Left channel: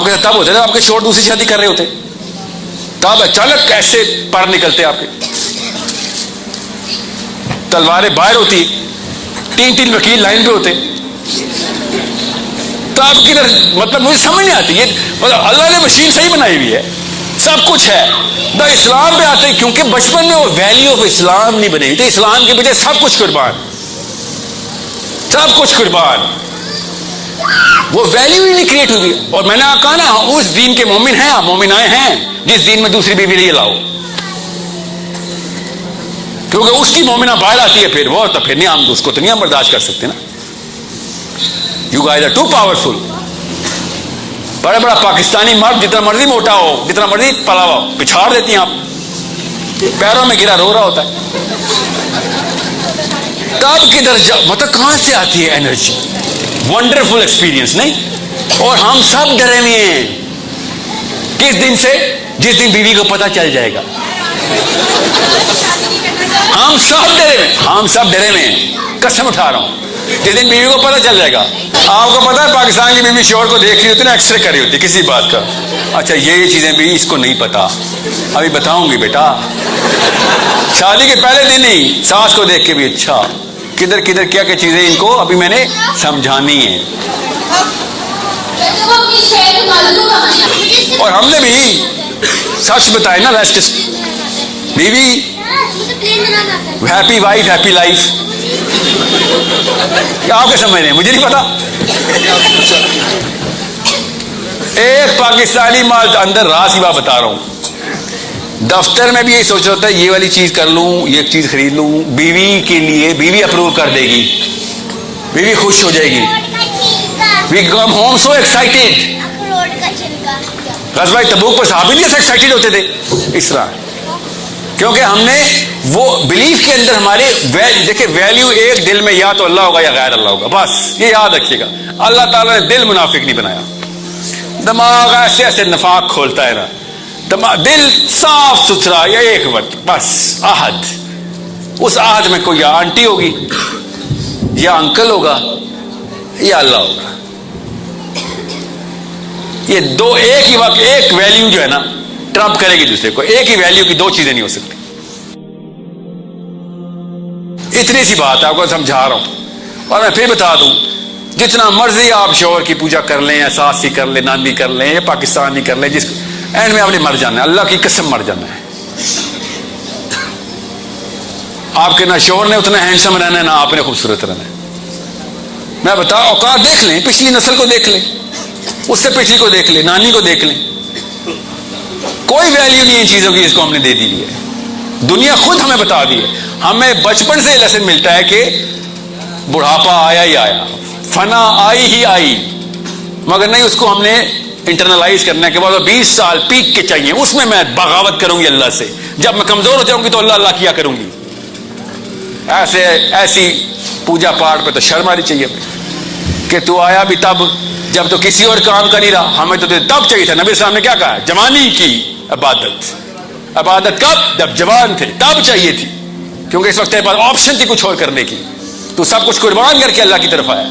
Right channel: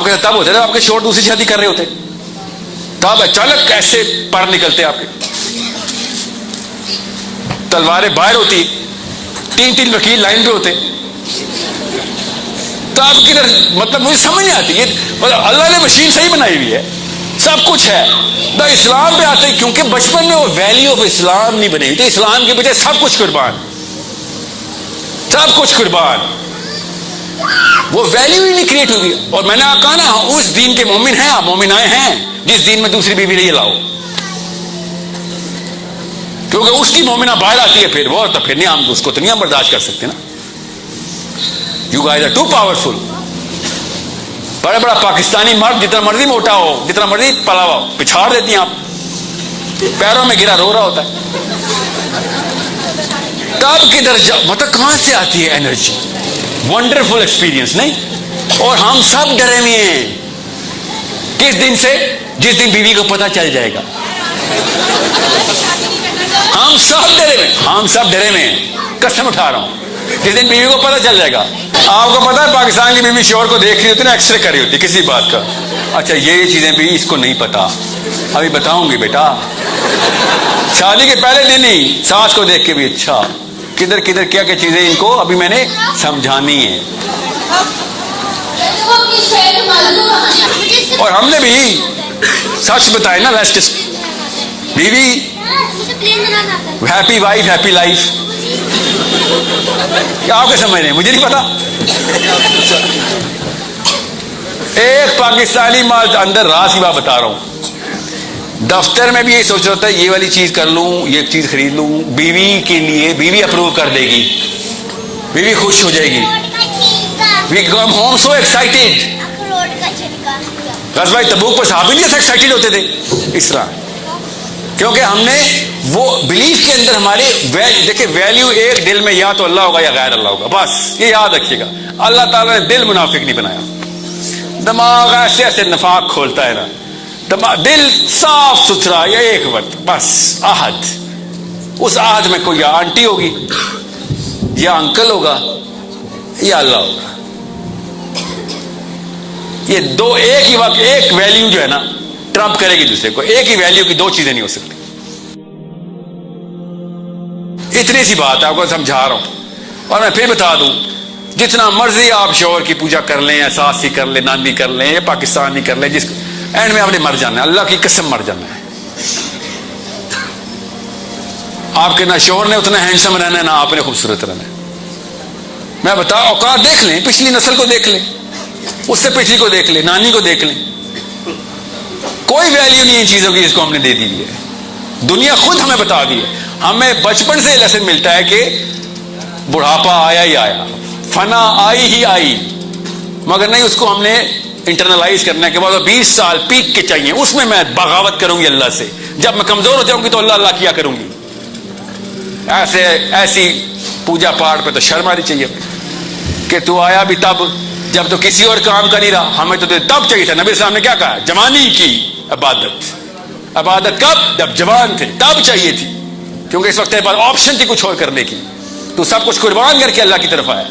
آپ کے تب ہوتے تھے آپ کے شوہر دوسری شادی کر رہے ہوتے, تب اچانک کیسے پر نکلتے آپ کے, تلواریں باہر ہوتی, 3 وکیل لائن پہ ہوتے. تو آپ کی مطلب مجھے سمجھ نہیں آتی, یہ اللہ نے مشین صحیح بنائی ہوئی ہے, سب کچھ ہے. تو اسلام پہ آتے ہیں کیونکہ بچپن میں وہ ویلیو آف اسلام نہیں بنے, تو اسلام کی وجہ سب کچھ قربان, سب کچھ قربان, وہ ویلیو ہی نہیں کریٹ ہوئی. اور میں نے کہا نا اس دین کے مومن ہیں, آپ مومن آئے ہیں جس دین میں دوسری بیوی نہیں لاؤ, کیونکہ اس کی مومنہ باہر آتی ہے پھر وہ, تو پھر نہیں ہم اس کو تو نہیں ہم برداشت کر سکتے نا. You guys are too powerful. بڑا بڑا پاکستانی مرد جتنا مرضی موٹا ہو, جتنا مرضی پلا ہو, پچھاڑ دیتی ہیں آپ, پیروں میں گرا رو رہا ہوتا ہے. تب کدھر مطلب کہاں سے آتی ہے انرجی؟ ونڈرفل ایکسپیرینس نہیں. اور ہم سب ڈرے ہوئے ہیں کس دن سے؟ جس دن بیوی کو پتہ چل جائے گا. ہم سب ڈرے ہوئے ہیں, قسم اٹھا رہا ہوں, جس دن بیوی کو پتہ چل جائے گا. آپ کو پتا ہے پاکستان کی بیوی شوہر کو دیکھ رہی ہوتی ہے, ایکس رے کر رہی ہوتی ہے کسی بات کا, اچھا یہ چیزیں بھی اس کو نہیں پتا, ابھی بتاؤں گی بیٹا. شادی کے پہلے دن ہی ساس کو دیکھ کے بھی اچھا کدھر کدھر کیا کیا چیزیں ان کو ابھی میں نے سمجھانی ہے. اور ہم نے بھی سچ بتایا نا, ریسٹ بیوی ہیپی وائف ہیپی لائف. آپ کیا سمجھ رہے ہیں؟ مجھے نہیں پتا. ایک پاکستانی مال اندر راز کی بات بتا رہا ہوں, دفتر میں بھی یہی سوچ رہا ہوتا ہے یہ والی چیز کر لوں, یہ چیز خرید لوں, بیوی کے لیے بیوی اپروو کر دے گی, بیوی خوش ہو جائے گی. وی کم ہوم سو ایکسائٹیڈ. غزوہ تبوک پر صحابہ نہیں ایکسائٹیڈ ہوتے تھے اس طرح, کیونکہ ہم نے وہ بلیف کے اندر ہمارے دیکھیں ویلیو ایک دل میں یا تو اللہ ہوگا یا غیر اللہ ہوگا, بس یہ یاد رکھیے گا. اللہ تعالیٰ نے دل منافق نہیں بنایا, دماغ ایسے ایسے نفاق کھولتا ہے نا, دل صاف ستھرا, یا ایک وقت بس عہد, اس عہد میں کوئی یا آنٹی ہوگی یا انکل ہوگا یا اللہ ہوگا. یہ دو ایک ہی وقت ایک ویلیو جو ہے نا ٹرمپ کرے گی دوسرے کو, ایک ہی ویلیو کی دو چیزیں نہیں ہو سکتی. اتنی سی بات آپ کو سمجھا رہا ہوں. اور میں پھر بتا دوں, جتنا مرضی آپ شوہر کی پوجا کر لیں, ساس کی کر لیں, ناندی کر لیں, یا پاکستانی کر لیں, جس کو اینڈ میں آپ نے مر جانا ہے, اللہ کی قسم مر جانا ہے. آپ کے نہ شوہر نے اتنا ہینڈسم رہنا ہے, نہ آپ نے خوبصورت رہنا ہے. میں بتا اوقات دیکھ لیں, پچھلی نسل کو دیکھ لیں, اس سے پچھلی کو دیکھ لیں, نانی کو دیکھ لیں, کوئی ویلیو نہیں ان چیزوں کی, اس کو ہم نے دے دی ہے. دنیا خود ہمیں بتا دی ہے. ہمیں بچپن سے لیسن ملتا ہے کہ بڑھاپا آیا ہی آیا, فنا آئی ہی آئی, مگر نہیں اس کو ہم نے انٹرنلائز کرنے کے بعد 20 سال پیک کے چاہیے, اس میں میں بغاوت کروں گی اللہ سے. جب میں کمزور ہو جاؤں گی تو اللہ اللہ کیا کروں گی. ایسی پوجا پاٹ پہ تو شرم آنی چاہیے کہ تو آیا بھی تب جب تو کسی اور کام کا نہیں رہا. ہمیں تو تب چاہیے تھا. نبی صاحب نے کیا کہا؟ جوانی کی عبادت. عبادت کب؟ جب جوان تھے تب چاہیے تھی, کیونکہ اس وقت پاس آپشن تھی کچھ اور کرنے کی. تو سب کچھ قربان کر کے اللہ کی طرف آیا.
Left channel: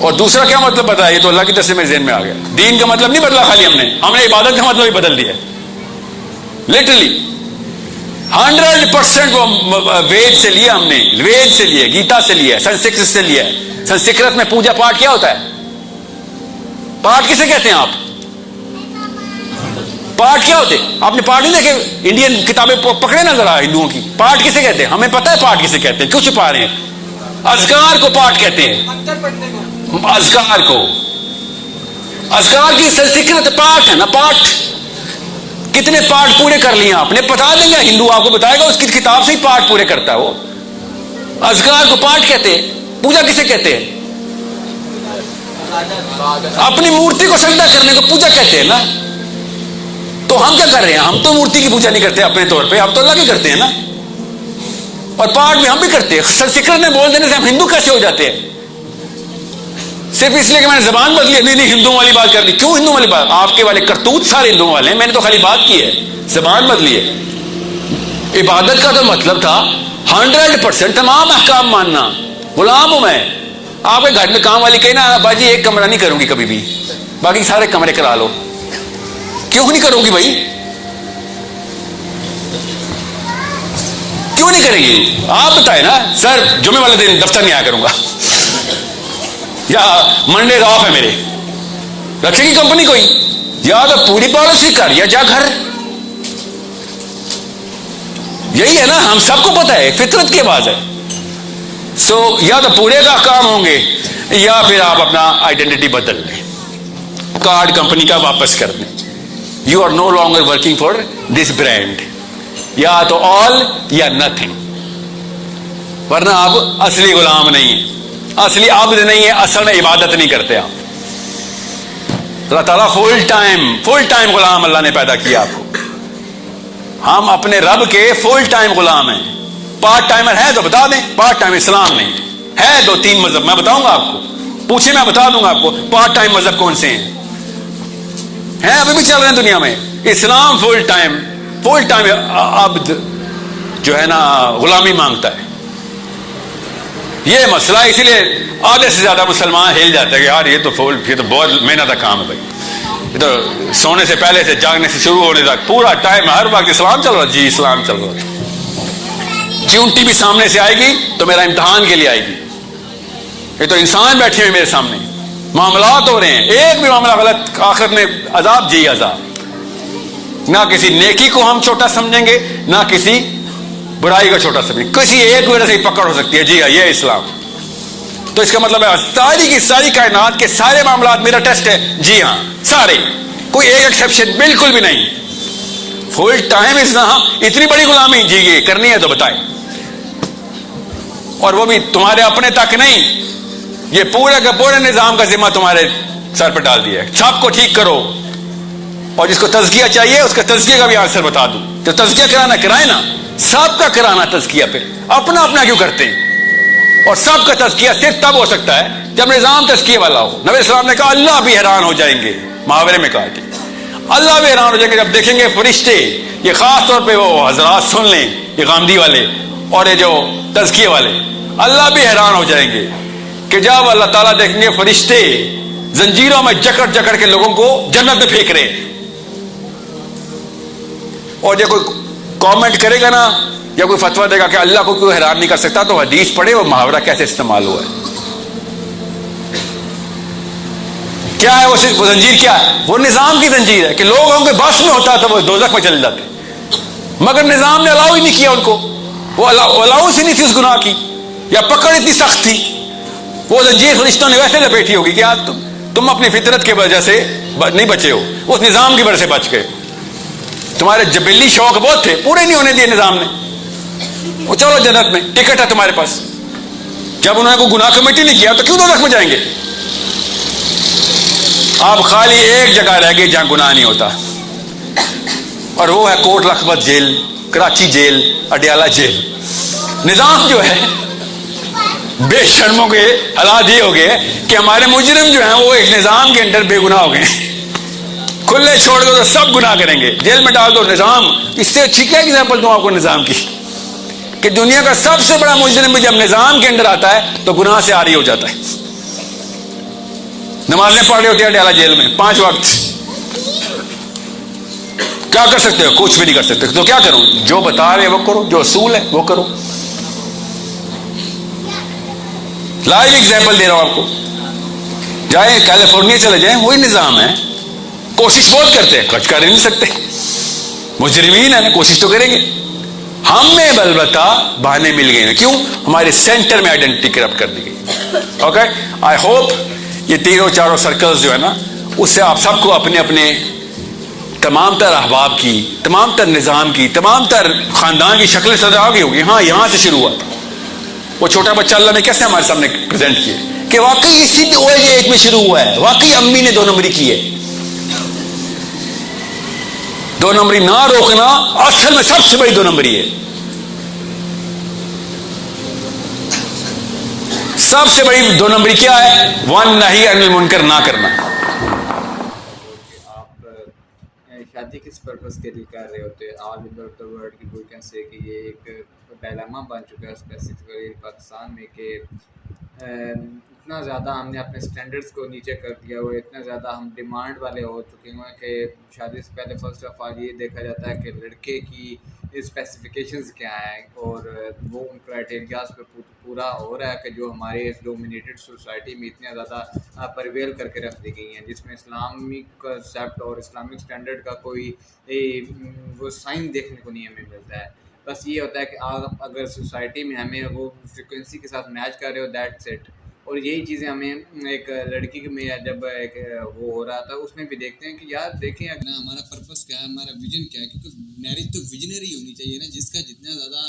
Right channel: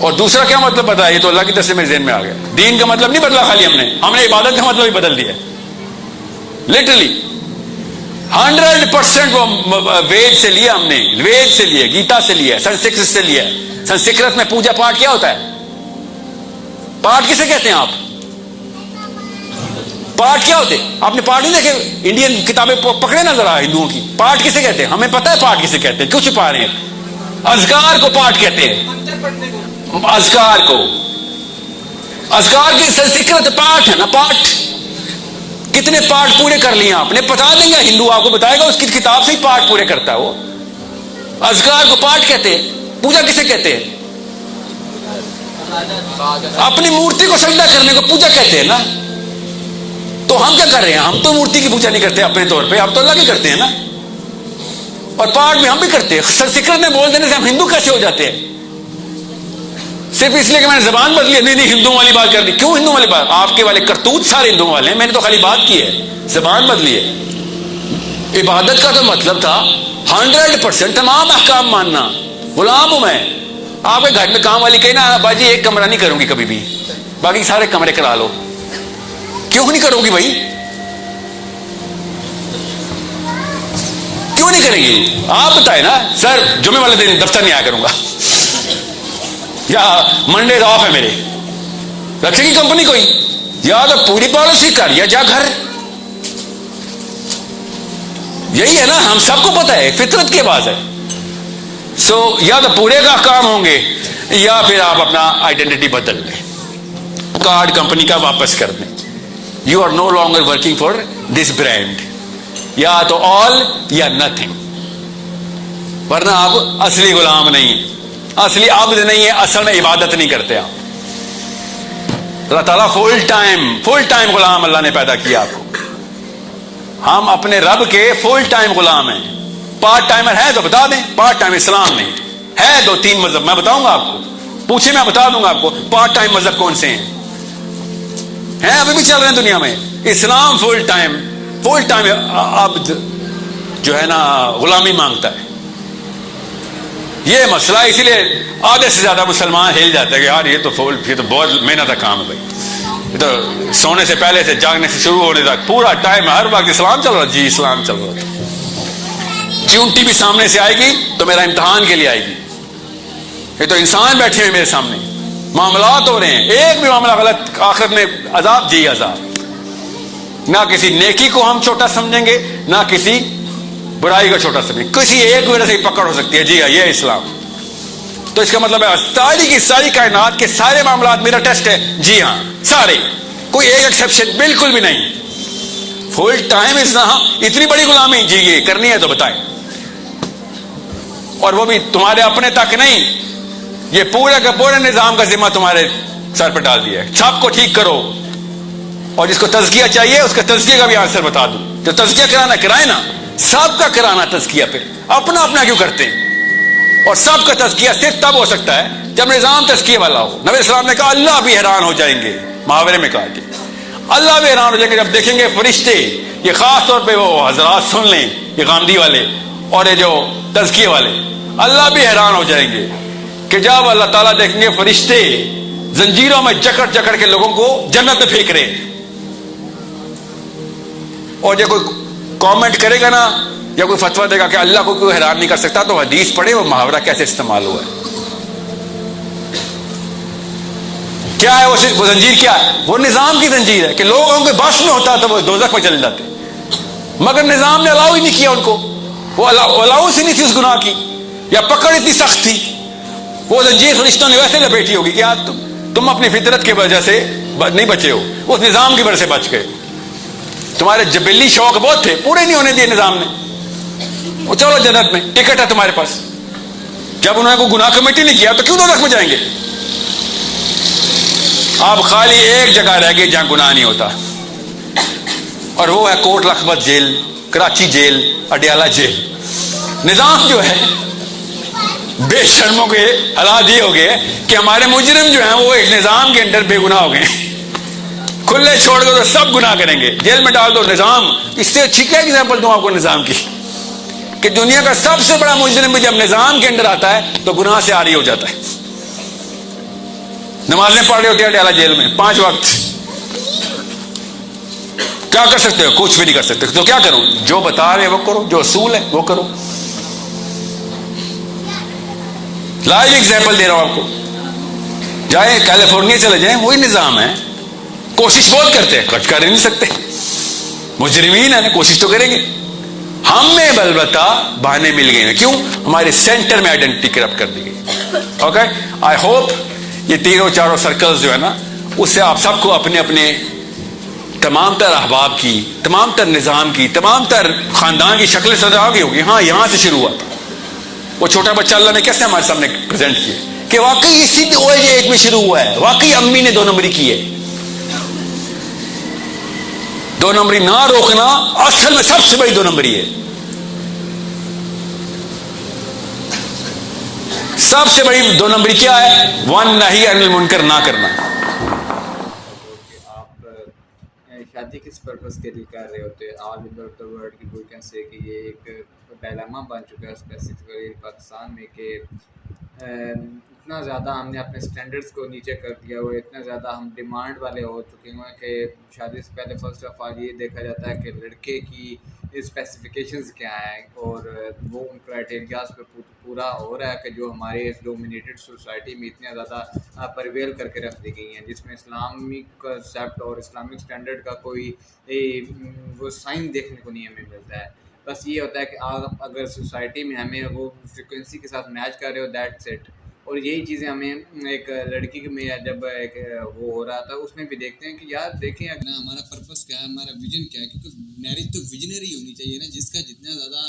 اور دوسرا کیا مطلب پتا ہے؟ یہ تو اللہ کی طرف سے میرے ذہن میں آ گیا. دین کا مطلب نہیں بدلا خالی ہم نے عبادت کا مطلب ہی بدل دیا لٹرلی. 100% وہ وید سے لیا, ہم نے وید سے لیا, گیتا سے لیا, سنسکرت سے لیا. سنسکرت میں پوجا پاٹ کیا ہوتا ہے؟ پاٹ کسے کہتے ہیں آپ؟ پاٹ کیا ہوتے؟ آپ نے پاٹ نہیں دیکھے؟ انڈین کتابیں پکڑے نا ذرا ہندوؤں کی. پاٹ کسے کہتے ہیں؟ ہمیں پتا ہے پاٹ کسے کہتے ہیں, کیوں چھپا رہے ہیں؟ اذکار کو پاٹ کہتے ہیں. اذکار کو, اذکار کی سنسکرت پاٹ ہے نا. پاٹ کتنے پاٹ پورے کر لیے آپ نے؟ بتا دیں گے, ہندو آپ کو بتائے گا, اس کی کتاب سے ہی پاٹ پورے کرتا ہے وہ. اذکار کو پاٹ کہتے ہیں. پوجا کسے کہتے ہیں؟ اپنی مورتی کو سجدہ کرنے کو پوجا کہتے ہیں نا. تو ہم کیا کر رہے ہیں؟ ہم تو مورتی کی پوجا نہیں کرتے اپنے طور پہ, ہم تو اللہ کی کرتے ہیں نا. اور پاٹ بھی ہم بھی کرتے ہیں. سنسکرت میں بول دینے سے ہم ہندو کیسے ہو جاتے ہیں؟ صرف اس لیے کہ میں نے زبان بدلی. نہیں ہندوؤں والی بات کرنی. کیوں ہندوؤں والی بات؟ آپ کے والے کرتوت سارے ہندوؤں والے ہیں, میں نے تو خالی بات کی ہے, زبان بدلی ہے. عبادت کا تو مطلب تھا 100% تمام احکام ماننا. غلام ہوں میں. آپ کے گھر میں کام والی کہنا باجی ایک کمرہ نہیں کروں گی کبھی بھی, باقی سارے کمرے کرا لو. کیوں نہیں کرو گی بھائی؟ کیوں نہیں کریں گی؟ آپ بتائیں نا. سر جمعے والے دن دفتر نہیں آیا کروں گا یا منڈے آف ہے میرے. رکھے گی کمپنی کوئی؟ یا تو پوری پالیسی کر یا جا گھر. یہی ہے نا, ہم سب کو پتا ہے, فطرت کی بات ہے. سو یا تو پورے کا کام ہوں گے یا پھر آپ اپنا آئیڈینٹی بدل لیں, کارڈ کمپنی کا واپس کر دیں. You are no longer working for this brand. یا تو آل یا نتھنگ, ورنہ آپ اصلی غلام نہیں, اصلی عبد نہیں ہے, اصل میں عبادت نہیں کرتے آپ. اللہ تعالیٰ فل ٹائم غلام اللہ نے پیدا کیا آپ کو. ہم اپنے رب کے فل ٹائم غلام ہیں. پارٹ ٹائمر ہے تو بتا دیں, پارٹ ٹائم اسلام نہیں ہے. 2-3 مذہب میں بتاؤں گا آپ کو, پوچھیں میں بتا دوں گا آپ کو پارٹ ٹائم مذہب کون سے ہیں ابھی بھی چل رہے ہیں دنیا میں. اسلام فل ٹائم عبد جو ہے نا غلامی مانگتا ہے. یہ مسئلہ اسی لیے آدھے سے زیادہ مسلمان ہل جاتے ہیں کہ یار یہ تو بہت محنت کا کام ہے بھائی. یہ تو سونے سے پہلے سے جاگنے سے شروع ہونے تک پورا ٹائم ہر وقت اسلام چل رہا. جی اسلام چل رہا. چونٹی بھی سامنے سے آئے گی تو میرا امتحان کے لیے آئے گی. یہ تو انسان بیٹھے ہوئے میرے سامنے, معاملات ہو رہے ہیں, ایک بھی معاملہ غلط آخر میں عذاب. جی عذاب. نہ کسی نیکی کو ہم چھوٹا سمجھیں گے, نہ کسی برائی کو چھوٹا سمجھیں گے. کسی ایک وجہ سے پکڑ ہو سکتی ہے. جی ہاں, یہ اسلام. تو اس کا مطلب ہے ساری کی ساری کائنات کے سارے معاملات میرا ٹیسٹ ہے. جی ہاں سارے, کوئی ایک ایکسیپشن بالکل بھی نہیں. فل ٹائم اسلام. اتنی بڑی غلامی جی یہ کرنی ہے تو بتائیں, اور وہ بھی تمہارے اپنے تک نہیں. یہ پورے کے پورے نظام کا ذمہ تمہارے سر پہ ڈال دیا ہے. سب کو ٹھیک کرو, اور جس کو تزکیہ چاہیے اس کا تزکیہ کا بھی آنسر بتا دوں. جو تزکیہ کرانا کرائے نا, سب کا کرانا تزکیہ پہ. اپنا اپنا کیوں کرتے ہیں؟ اور سب کا تزکیہ صرف تب ہو سکتا ہے جب نظام تزکیہ والا ہو. نبی السلام نے کہا اللہ بھی حیران ہو جائیں گے, محاورے میں کہا کہ اللہ بھی حیران ہو جائیں گے جب دیکھیں گے فرشتے. یہ خاص طور پہ وہ حضرات سن لیں, یہ غامدی والے اور یہ جو تزکیہ والے, اللہ بھی حیران ہو جائیں گے کہ جب اللہ تعالیٰ دیکھیں گے فرشتے زنجیروں میں جکڑ جکڑ کے لوگوں کو جنت میں پھینک رہے ہیں. اور جو کوئی کامنٹ کرے گا نا یا کوئی فتویٰ دے گا کہ اللہ کو کیوں حیران نہیں کر سکتا, تو حدیث پڑھے وہ محاورہ کیسے استعمال ہوا ہے. کیا ہے وہ زنجیر؟ کیا ہے وہ؟ نظام کی زنجیر ہے کہ لوگوں کے بس میں ہوتا تو وہ دوزخ میں چلے جاتے, مگر نظام نے الاؤ ہی نہیں کیا ان کو. وہ الاؤ سے نہیں تھی اس گناہ کی, یا پکڑ اتنی سخت تھی. وہ زنجیر فرشتوں نے ویسے لپیٹی ہوگی کہ آج تم اپنی فطرت کی وجہ سے نہیں بچے ہو, اس نظام کی وجہ سے بچ گئے. تمہارے جبلی شوق بہت تھے, پورے نہیں ہونے دیے نظام نے. وہ چلو جنت میں ٹکٹ ہے تمہارے پاس. جب انہوں نے کوئی گناہ کمیٹی نہیں کیا تو کیوں دوزخ میں جائیں گے؟ آپ خالی ایک جگہ رہ گئے جہاں گناہ نہیں ہوتا, اور وہ ہے Kot Lakhpat jail, Karachi jail, Adiala jail. نظام جو ہے بے شرموں کے حالات یہ ہو گئے کہ ہمارے مجرم جو ہیں وہ ایک نظام کے اندر بے گناہ ہو گئے. کھلے چھوڑ دو تو سب گناہ کریں گے, جیل میں ڈال دو. نظام اس سے اچھی کیا ایگزامپل دوں آپ کو نظام کی, کہ دنیا کا سب سے بڑا مجرم جب نظام کے اندر آتا ہے تو گناہ سے عاری ہو جاتا ہے. نمازیں پڑھ رہے ہوتے ہیں اڈیالہ جیل میں 5 وقت. کیا کر سکتے ہو؟ کچھ بھی نہیں کر سکتے. تو کیا کروں؟ جو بتا رہے وہ کرو, جو اصول ہے وہ کرو. لائیو ایگزامپل دے رہا ہوں آپ کو. جائیں کیلیفورنیا چلے جائیں, وہی نظام ہے. کوشش بہت کرتے ہیں, کچھ کر نہیں سکتے. مجرمین ہیں, کوشش تو کریں گے. ہم میں البتہ بہانے مل گئے ہیں. کیوں؟ ہمارے سینٹر میں آئیڈینٹی کرپٹ کر دی گئی. اوکے, آئی ہوپ یہ 3-4 سرکلز جو ہے نا, اس سے آپ سب کو اپنے اپنے تمام تر احباب کی, تمام تر نظام کی, تمام تر خاندان کی شکلیں سمجھ آ گئی ہوگی. ہاں یہاں سے شروع ہوا. وہ چھوٹا بچہ اللہ نے کیسے ہمارے سامنے پریزنٹ کیا کہ واقعی اسی ایج میں شروع ہوا ہے. واقعی امی نے 2 نمبری کی ہے. 2 نمبری نہ روکنا اصل میں سب سے بڑی 2 نمبری ہے. سب سے بڑی 2 نمبری کیا ہے؟ 1 نہی عن المنکر, نہ کرنا. آپ شادی کس پرپس کے لیے کر رہے ہوتے ہیں؟ آل اوور دا ورلڈ کی کہ یہ ایک ڈائلاما بن چکا ہے اسپیسیفکلی پاکستان میں, کہ اتنا زیادہ ہم نے اپنے سٹینڈرڈس کو نیچے کر دیا ہوا ہے، اتنا زیادہ ہم ڈیمانڈ والے ہو چکے ہوئے ہیں کہ شادی سے پہلے فرسٹ آف آل یہ دیکھا جاتا ہے کہ لڑکے کی اسپیسیفکیشنز کیا ہیں، اور وہ ان کرائٹیریاز پہ پورا ہو رہا ہے کہ جو ہمارے اس ڈومینیٹڈ سوسائٹی میں اتنے زیادہ پرویل کر کے رکھ دی گئی ہیں، جس میں اسلامک کنسیپٹ اور اسلامک اسٹینڈرڈ کا کوئی وہ سائن دیکھنے کو نہیں ہمیں ملتا ہے۔ بس یہ ہوتا ہے کہ آپ اگر سوسائٹی میں ہمیں وہ فریکوینسی کے ساتھ میچ کر رہے ہو، دیٹس اٹ۔ اور یہی چیزیں ہمیں ایک لڑکی میں جب ایک وہ ہو رہا تھا اس میں بھی دیکھتے ہیں کہ یار دیکھیں اگر ہمارا پرپس کیا ہے، ہمارا ویژن کیا ہے، کیونکہ میرج تو ویژنری ہونی چاہیے نا، جس کا جتنا زیادہ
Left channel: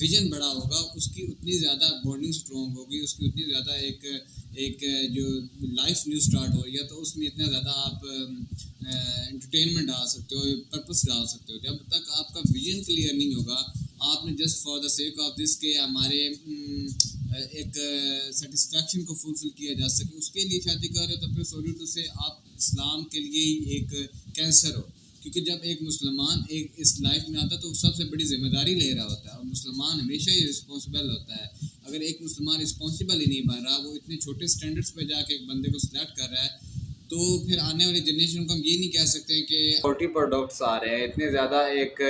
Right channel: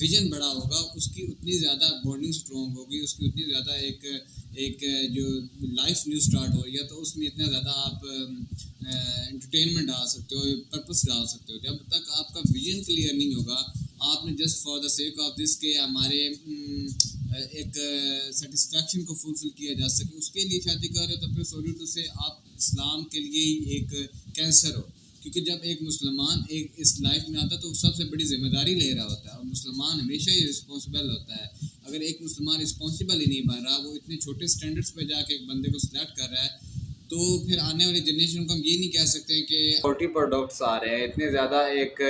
ویژن بڑا ہوگا اس کی اتنی زیادہ بانڈنگ اسٹرانگ ہوگی، اس کی اتنی زیادہ ایک جو لائف نیو اسٹارٹ ہو رہی ہے تو اس میں اتنا زیادہ آپ انٹرٹینمنٹ ڈال سکتے ہو، پرپس ڈال سکتے ہو۔ جب تک آپ کا ویژن کلیئر نہیں ہوگا، آپ نے just for the sake of this کہ ہمارے ایک سیٹسفیکشن کو فلفل کیا جا سکے اس کے لیے شادی کر رہے ہو، تو پھر سوری ٹو سے آپ اسلام کے لیے ہی ایک کینسر ہو، کیونکہ جب ایک مسلمان ایک اس لائف میں آتا ہے تو وہ سب سے بڑی ذمہ داری لے رہا ہوتا ہے، اور مسلمان ہمیشہ ہی رسپانسبل ہوتا ہے۔ اگر ایک مسلمان رسپانسبل ہی نہیں بن رہا، وہ اتنے چھوٹے سٹینڈرڈس پہ جا کے ایک بندے کو سلیکٹ کر رہا ہے، تو پھر آنے والی جنریشن کو ہم یہ نہیں کہہ سکتے ہیں کہ پورٹی پروڈکٹس آ رہے ہیں، اتنے زیادہ ایک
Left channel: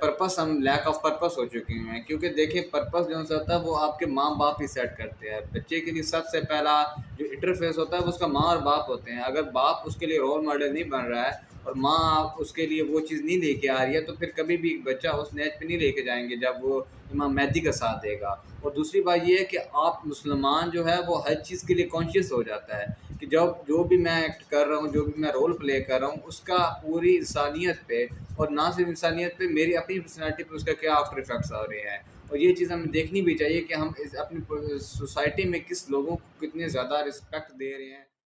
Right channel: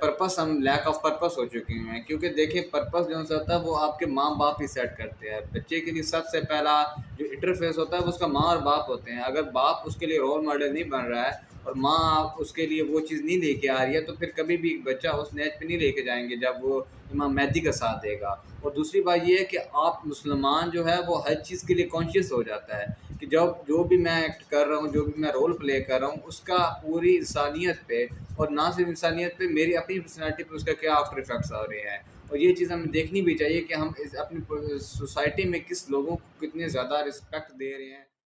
پرپس، ہم لیک آف پرپس ہو چکے ہیں۔ کیونکہ دیکھیں پرپس جو ہوتا ہے وہ آپ کے ماں باپ ہی سیٹ کرتے ہیں۔ بچے کے لیے سب سے پہلا جو انٹرفیس ہوتا ہے وہ اس کا ماں اور باپ ہوتے ہیں۔ اگر باپ اس کے لیے رول ماڈل نہیں بن رہا ہے اور ماں اس کے لیے وہ چیز نہیں لے کے آ رہی ہے، تو پھر کبھی بھی بچہ اس نیچ پہ نہیں لے کے جائیں گے جب وہ امام مہدی کا ساتھ دے گا۔ اور دوسری بات یہ ہے کہ آپ مسلمان جو ہے وہ ہر چیز کے لیے کانشیس ہو جاتا ہے کہ جو بھی میں ایکٹ کر رہا ہوں، جو بھی میں رول پلے کر رہا ہوں، اس کا پوری انسانیت پہ، اور نہ صرف انسانیت پہ، میری اپنی پرسنالٹی پہ اس کا کیا آفٹر افیکٹس آ رہے ہیں۔ اور یہ چیز ہمیں دیکھنی بھی چاہیے کہ ہم اپنی سوسائٹی میں کس لوگوں کو کتنے زیادہ رسپیکٹ دے رہے ہیں۔